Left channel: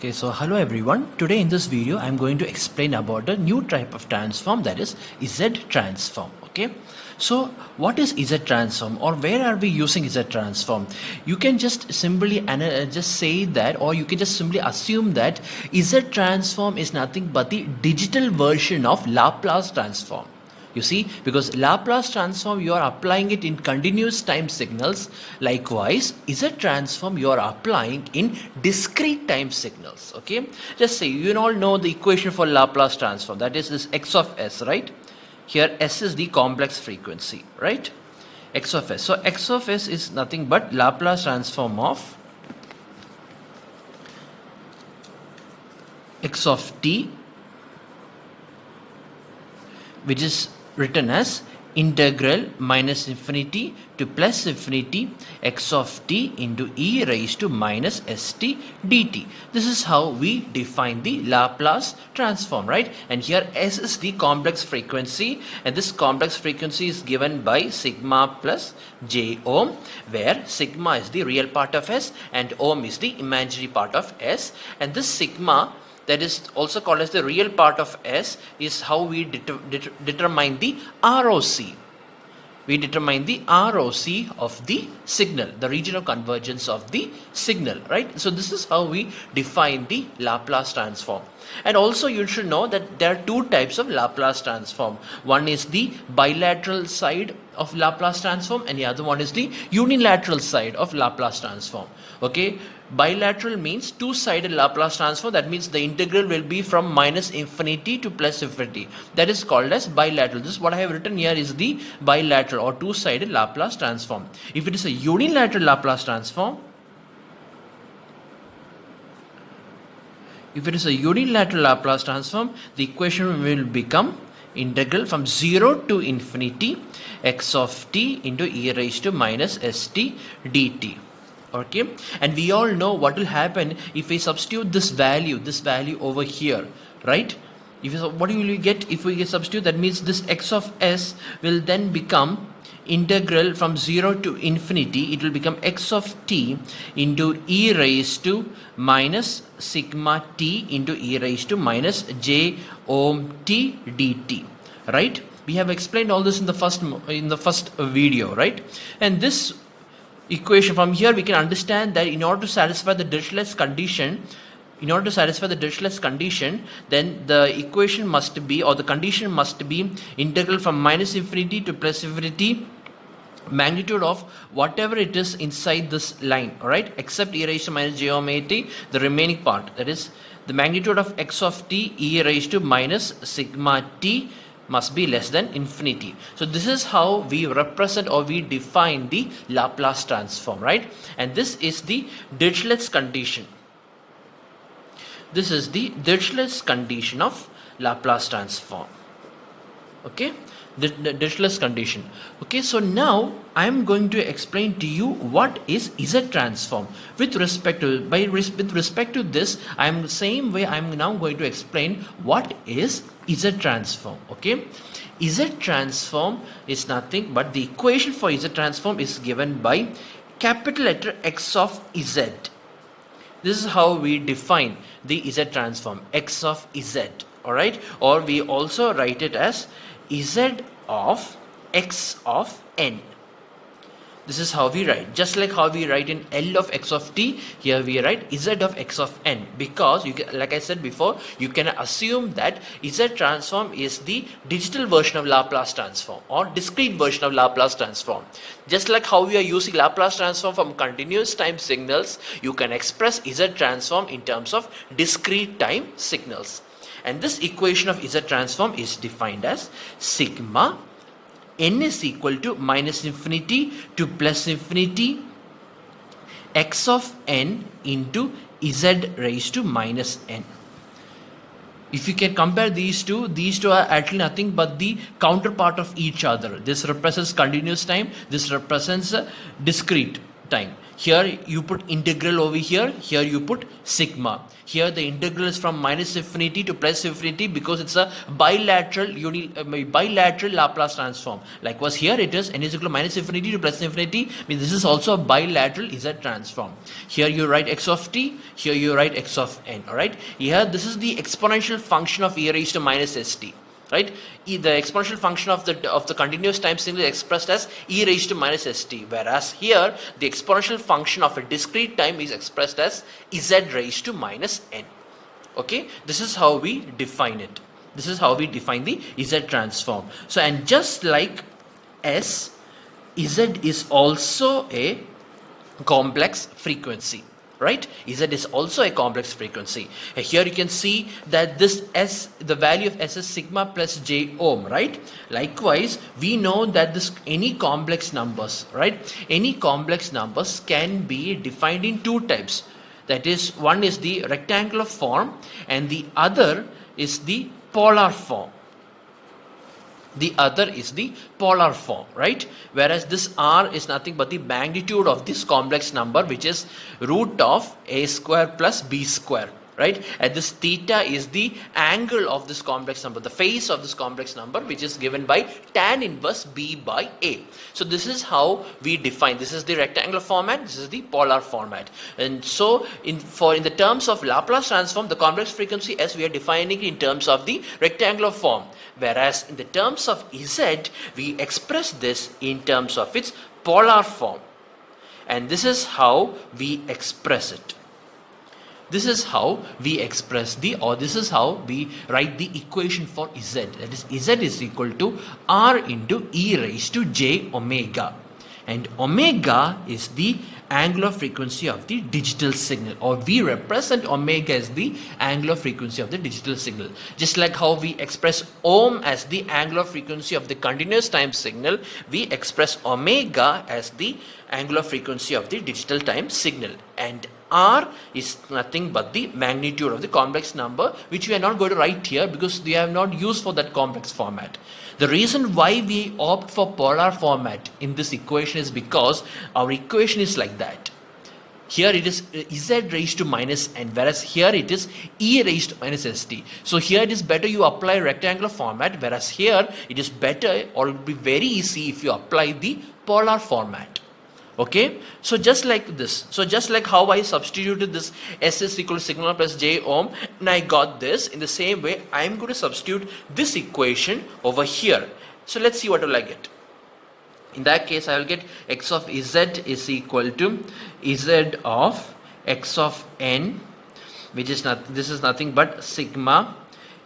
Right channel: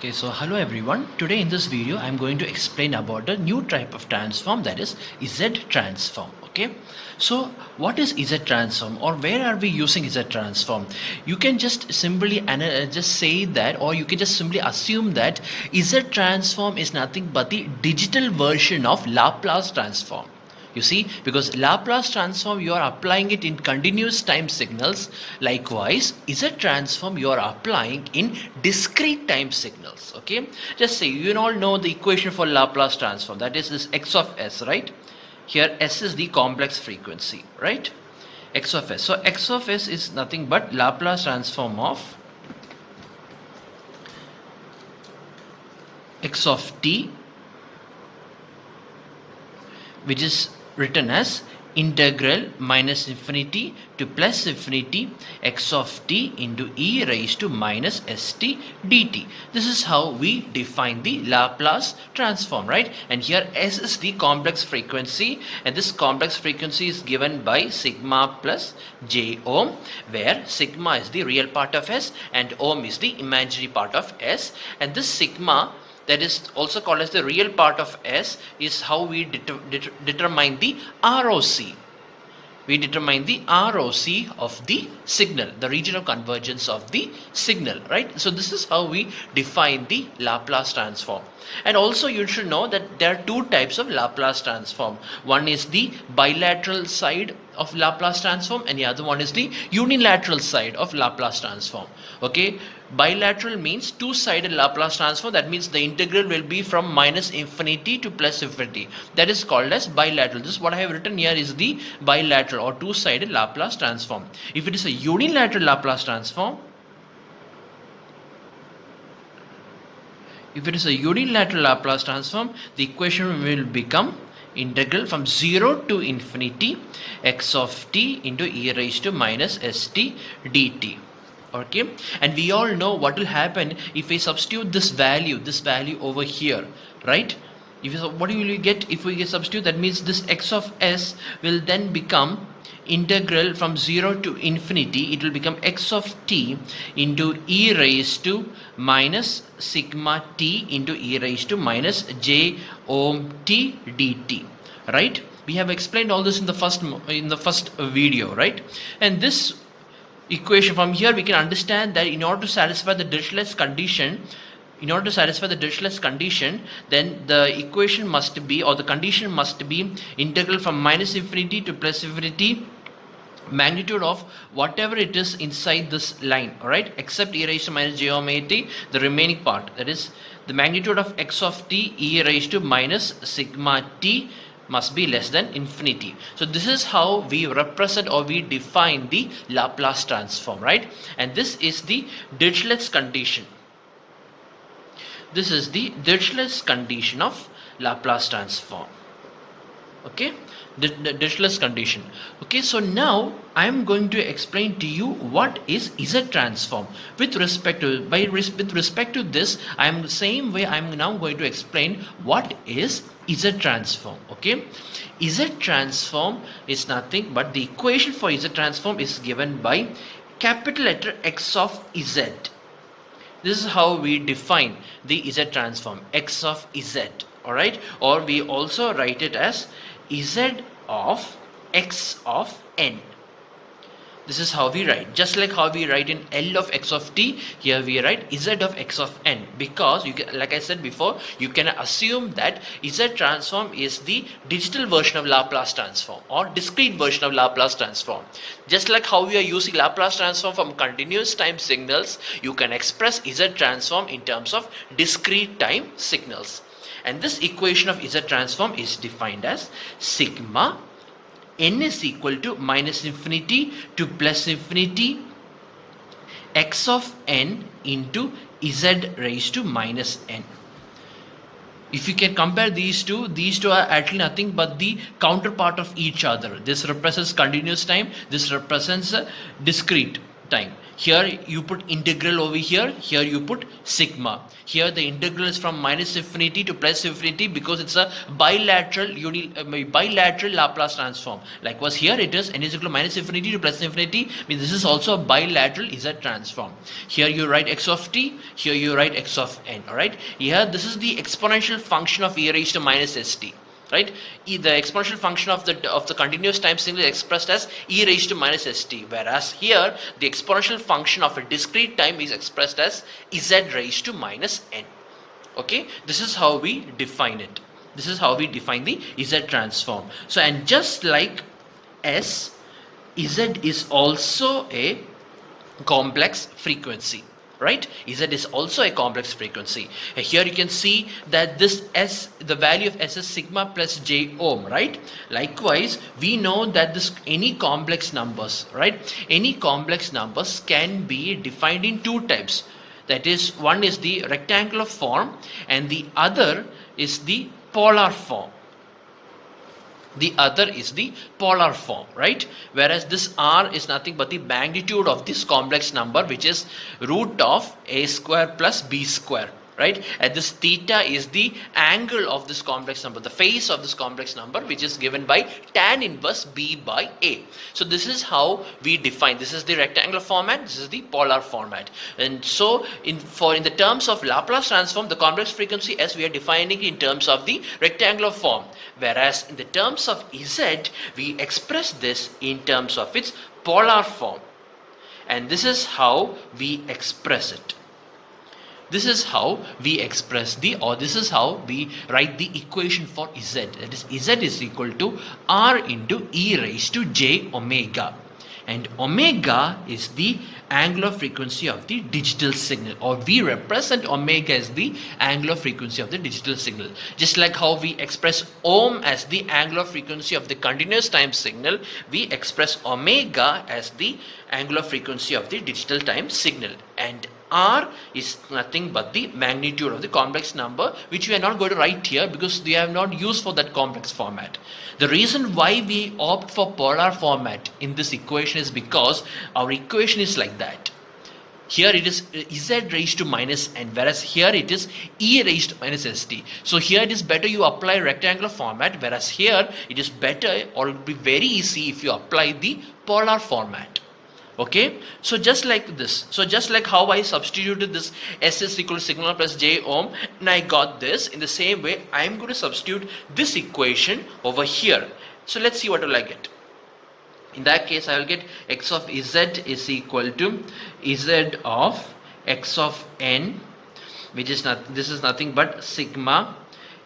Okay, so hello everyone. Today in this video, I'm going to explain about a new type of transform, that is Z transform. Okay, so what is Z transform, or where are we using Z transform? You can just simply just say that, or you can just simply assume that Z transform is nothing but the digital version of Laplace transform. You see, because Laplace transform you are applying it in continuous time signals. Likewise, Z transform you are applying in discrete time signals. Okay, just say you all know the equation for Laplace transform, that is this x of s, right? Here s is the complex frequency, right? X of s. So x of s is nothing but Laplace transform of x of t, which is written as integral minus infinity to plus infinity x of t into e raised to minus st dt. This is how we define the Laplace transform, right? And here s is the complex frequency, and this complex frequency is given by sigma plus j ohm, where sigma is the real part of s and ohm is the imaginary part of s. And this sigma, that is also called as the real part of S, is how we determine the ROC. We determine the ROC of the signal, the region of convergence of the signal, right? So this is how we define the Laplace transform. And also you should know that there are two types of Laplace transform. One is the bilateral side of Laplace transform, and the other one is the unilateral side of Laplace transform. Okay, bilateral means two-sided Laplace transform. That means the integral will be from minus infinity to plus infinity. That is called as bilateral. This is what I have written here is the bilateral or two-sided Laplace transform. If it is a unilateral Laplace transform, the equation will become integral from 0 to infinity x of t into e raised to minus st dt. Okay, and we all know what will happen if we substitute this value over here, right? What will you get if we substitute? That means this x of s will then become integral from 0 to infinity. It will become x of t into e raised to minus sigma t into e raised to minus j ohm t dt, right? We have explained all this in the first video, right? And this equation, from here we can understand that in order to satisfy the Dirichlet's condition, then the equation must be, or the condition must be, integral from minus infinity to plus infinity magnitude of whatever it is inside this line, all right, except e raised to minus j omega t, the remaining part, that is the magnitude of x of t e raised to minus sigma t must be less than infinity. So this is how we represent or we define the Laplace transform, right? And this is the Dirichlet's condition. This is the Dirichlet's condition of Laplace transform. Okay, the Dirichlet's condition. Okay, so now I am going to explain to you what is Z transform. With respect to this, I am the same way I am now going to explain what is Z transform. Okay, Z transform is nothing but the equation for Z transform is given by capital letter X of Z. This is how we define the Z transform, X of Z, all right? Or we also write it as Z of X of n. This is how we write. Just like how we write in L of x of t, here we write Z of x of n, because you can, like I said before, you can assume that Z transform is the digital version of Laplace transform or discrete version of Laplace transform. Just like how we are using Laplace transform from continuous time signals, you can express Z transform in terms of discrete time signals. And this equation of Z transform is defined as sigma n is equal to minus infinity to plus infinity x of n into z raised to minus n. If you can compare these two are actually nothing but the counterpart of each other. This represents continuous time, this represents discrete time. Here you put integral over here you put sigma. Here the integral is from minus infinity to plus infinity because it's a bilateral bilateral Laplace transform. Likewise here it is n is equal to minus infinity to plus infinity, means this is also a bilateral Z transform. Here you write x of t, here you write x of n. Alright, here this is the exponential function of e raised to minus st. Right, the exponential function of the continuous time signal is expressed as e raised to minus st, whereas here the exponential function of a discrete time is expressed as z raised to minus n. Okay, this is how we define it. This is how we define the Z transform. So, and just like S, Z is also a complex frequency. Right, Z is also a complex frequency. Here you can see that this S, the value of S is sigma plus j ohm. Right, likewise we know that this any complex numbers, right, any complex numbers can be defined in two types. That is, one is the rectangular form and the other is the polar form. The other is the polar form, right? Whereas this R is nothing but the magnitude of this complex number, which is root of a square plus b square, right? And this theta is the angle of this complex number, the phase of this complex number, which is given by tan inverse b by a. So this is how we define. This is the rectangular format, this is the polar format. And so in the terms of Laplace transform, the complex frequency S, we are defining in terms of the rectangular form, whereas in the terms of Z we express this in terms of its polar form. And this is how we express it. This is how we express this is how we write the equation for Z. That is, Z is equal to R into e raised to j omega. And omega is the angular frequency of the digital signal, or we represent omega as the angular frequency of the digital signal. Just like how we express ohm as the angular frequency of the continuous time signal, we express omega as the angular frequency of the digital time signal. And R is nothing but the magnitude of the complex number, which we are not going to write here because we have not used for that complex format. The reason why we opt for polar format in this equation is because our equation is like that. Here it is Z raised to minus n, whereas here it is e raised to minus st. So here it is better you apply rectangular format, whereas here it is better, or it will be very easy if you apply the polar format. Okay, so just like this, so just like how I substituted this S is equal to sigma plus j ohm and I got this, in the same way I am going to substitute this equation over here. So let's see what will I get. In that case I will get x of Z is equal to Z of x of n, which is not, this is nothing but sigma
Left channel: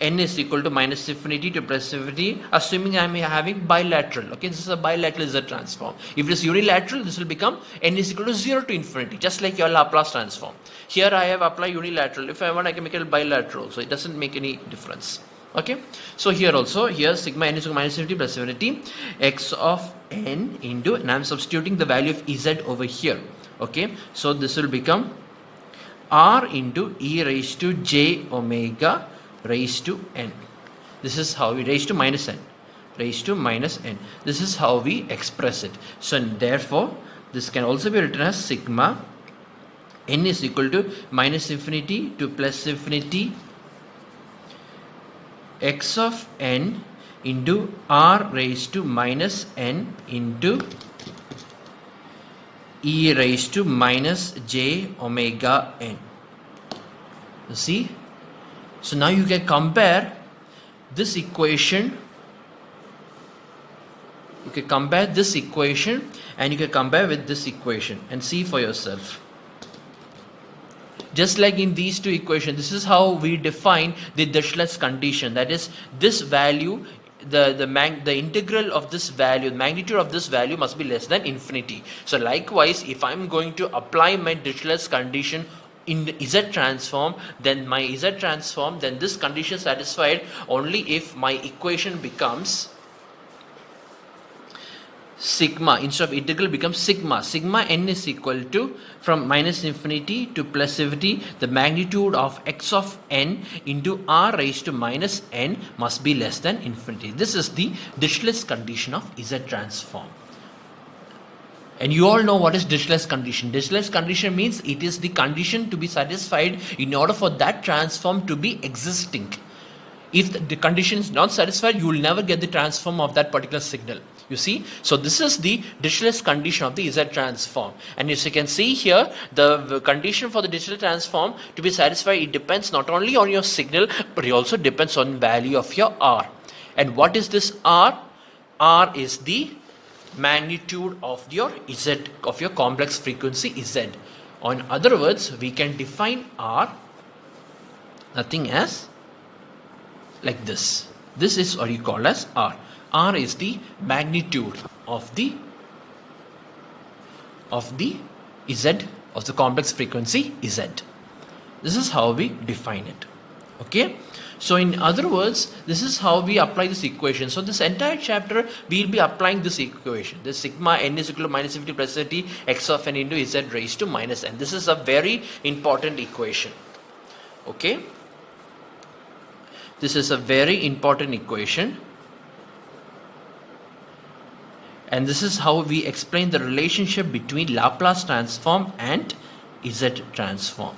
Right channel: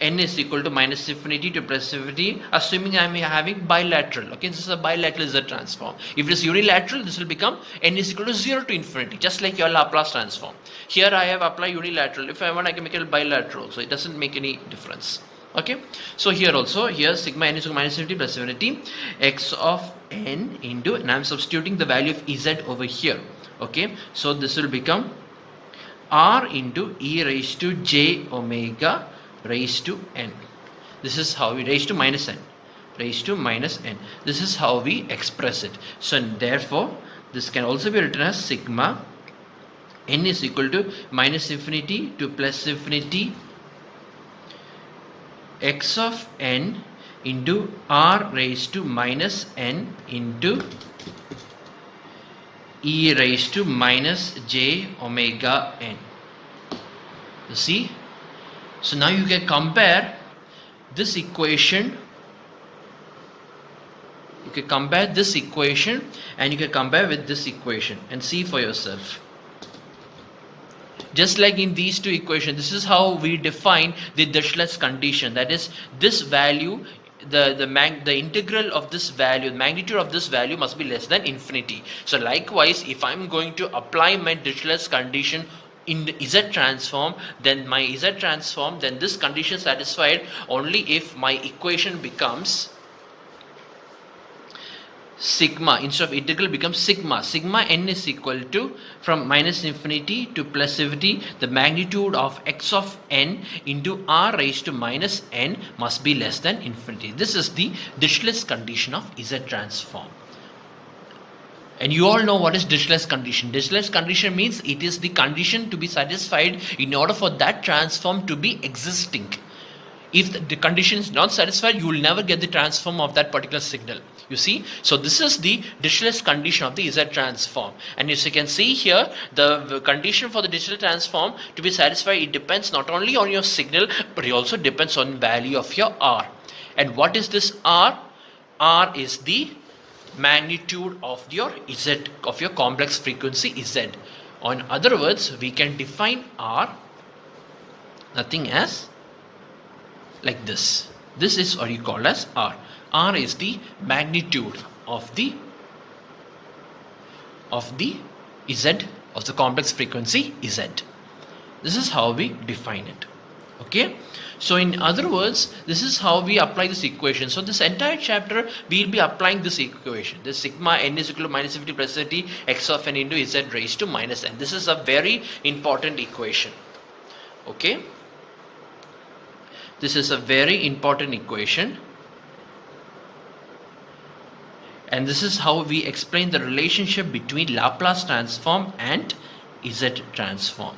n is equal to minus infinity to plus infinity, assuming I am having bilateral. Okay, this is a bilateral Z transform. If it is unilateral, this will become n is equal to 0 to infinity, just like your Laplace transform. Here I have applied unilateral. If I want, I can make it bilateral, so it doesn't make any difference. Okay, so here also, here sigma n is equal to minus infinity plus infinity x of n into, and I am substituting the value of Z over here. Okay, so this will become R into e raised to j omega raised to n. This is how we raised to minus n. Raised to minus n. This is how we express it. So therefore, this can also be written as sigma n is equal to minus infinity to plus infinity x of n into r raised to minus n into e raised to minus j omega n. You see? So now you can compare this equation. You can compare this equation and you can compare with this equation and see for yourself. Just like in these two equations, this is how we define the Dirichlet's condition. That is, this value, the integral of this value, the magnitude of this value must be less than infinity. So likewise, if I'm going to apply my Dirichlet's condition in the Z transform, then my Z transform, then this condition is satisfied only if my equation becomes sigma, instead of integral becomes sigma. Sigma n is equal to, from minus infinity to plus infinity, the magnitude of x of n into r raised to minus n must be less than infinity. This is the Dirichlet's condition of Z transform. And you all know what is Dirichlet's condition. Dirichlet's condition means it is the condition to be satisfied in order for that transform to be existing. If the condition is not satisfied, you will never get the transform of that particular signal. You see, so this is the Dirichlet's condition of the Z transform. And as you can see here, the condition for the Dirichlet transform to be satisfied, it depends not only on your signal, but it also depends on value of your R. And what is this R? R is the magnitude of your Z, of your complex frequency Z. Or in other words, we can define R nothing as like this. This is what you call as R. R is the magnitude of the Z, of the complex frequency Z. This is how we define it. Okay. So in other words, this is how we apply this equation. So this entire chapter, we will be applying this equation. The sigma n is equal to minus 50 plus 30 x of n into Z raised to minus n. This is a very important equation. Okay. This is a very important equation. And this is how we explain the relationship between Laplace transform and Z transform.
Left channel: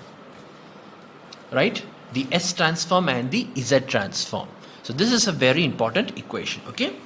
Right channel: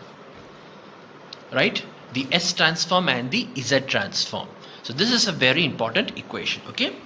Right? The S transform and the Z transform. So this is a very important equation. Okay.